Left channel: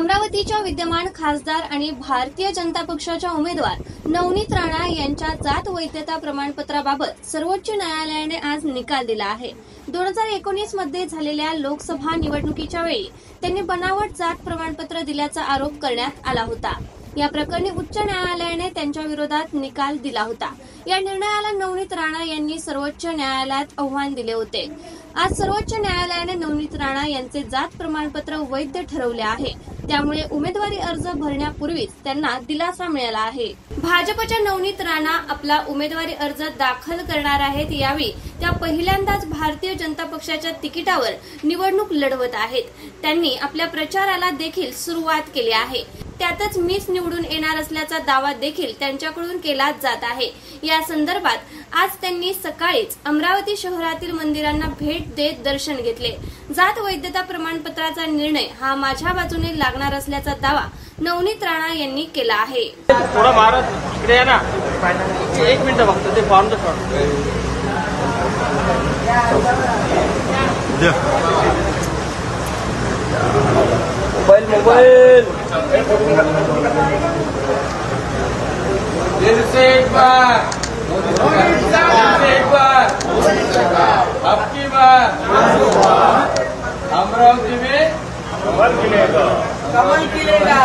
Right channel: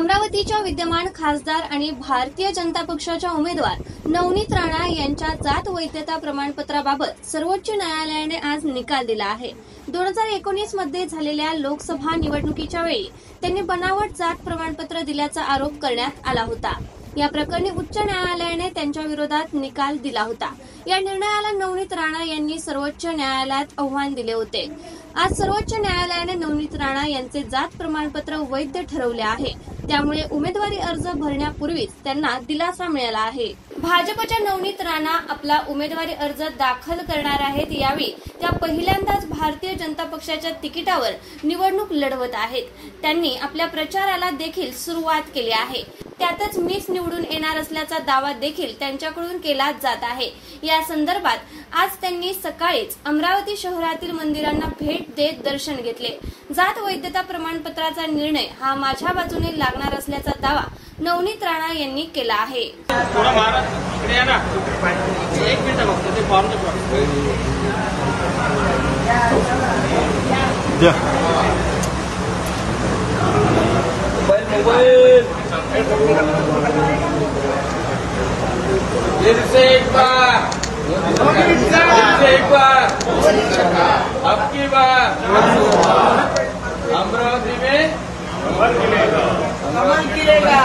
अमरावतीच्या विद्यमान खासदार आणि भारतीय जनता पक्षाच्या उमेदवार नवनीत राणा यांच्या जात वैधता प्रमाणपत्राबाबत सर्वोच्च न्यायालयाने आज निकाल दिला आहे। 2019 मध्ये झालेल्या लोकसभा निवडणुकीच्या वेळी त्यांनी बनावट जात प्रमाणपत्र दिल्याचा आरोप करण्यात आला होता। या प्रकरणी उच्च न्यायालयाने त्यांच्या विरोधात निकाल दिला होता। या निर्णयाला नवनीत राणा यांनी सर्वोच्च न्यायालयात आव्हान दिले होते। आज सर्वोच्च न्यायालयाने नवनीत राणा यांचे जात प्रमाणपत्र वैध ठरवले आहे, त्यामुळे उमेदवारी अर्ज भरण्यापूर्वीच त्यांना दिलासा मिळाला आहे। भाजपच्या नवनीत राणा आपला उमेदवारी अर्ज दाखल करणार आहेत। यावेळी त्या पहिल्यांदाच भारतीय जनता पक्षाच्या तिकिटावर निवडणूक लढवत आहेत। त्यांनी आपल्या प्रचाराला देखील सुरुवात केली आहे। त्यातच मीच निवडून येणार असल्याचा दावा देखील त्यांच्याकडून केला जात आहे। या संदर्भात आज त्यांनी सकाळीच अमरावती शहरातील मंदिरांना भेट देत दर्शन घेतले। जात वैधता प्रमाणपत्राचा निर्णय हा माझ्या बाजूने लागणार असल्याचा दावा नवनीत राणा यांनी केला आहे। आपकी बार अमरावती में कमल खिलेगा।